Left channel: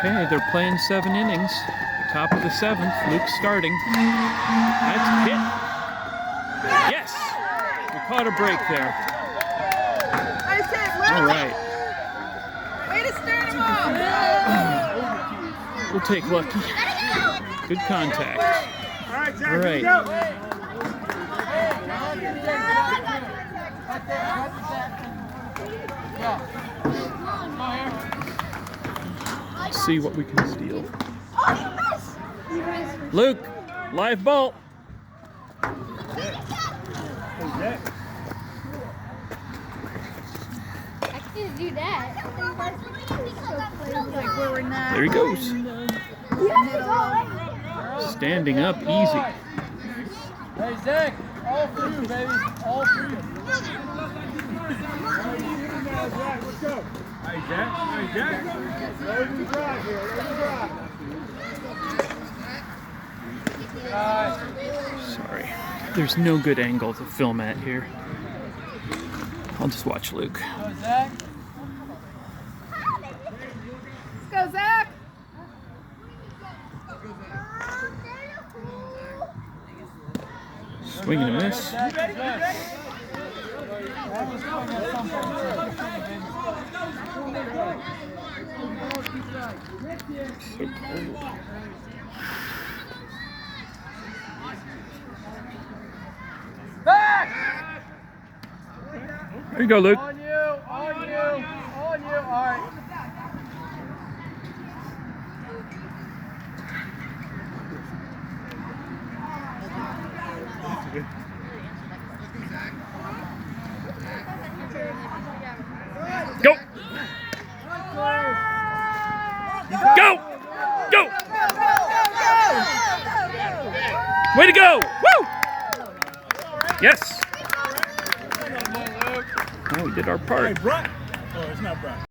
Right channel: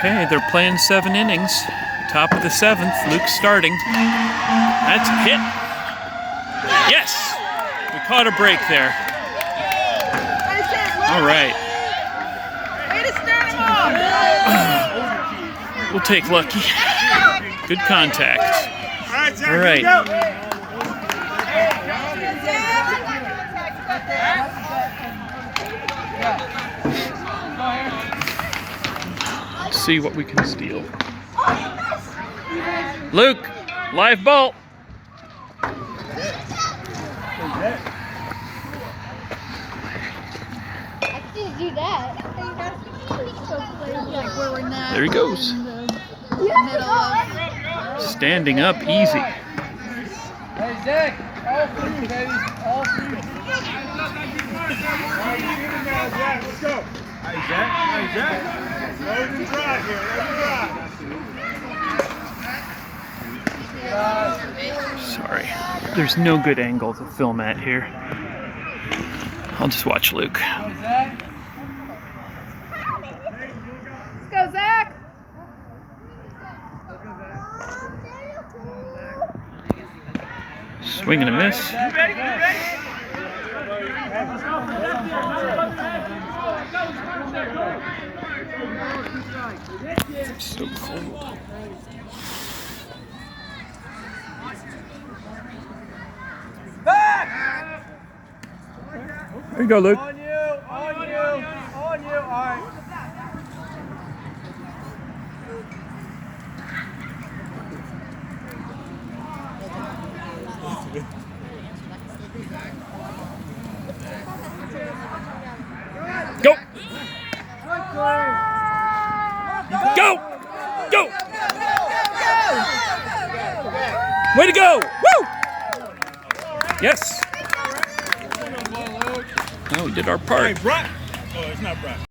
Okay, they're playing 7 innings. Top of the 7th, Luke's starting. That's a hit. Yes! We caught a break there. All right. We'll take lucky. Good contact. All right. Let's see what we can steal. Luke, live ball. Do that. There he goes. Standing up easy. Hey Zach, all for you, baby. All for you. Let's go. Hey Zach. Hey Zach. Load and drive here. Load and drive. Sorry. There's no good angle to film at here. I'll just watch Luke. Hey Zach. Let's go, Zach. Swing and a miss. It's so cold. Back! There you go, Luke. On you, on you, on you. All right. Go! Go! Go! Way to go! Woo! Yes! Now we did our part. Oh, it's not Brett.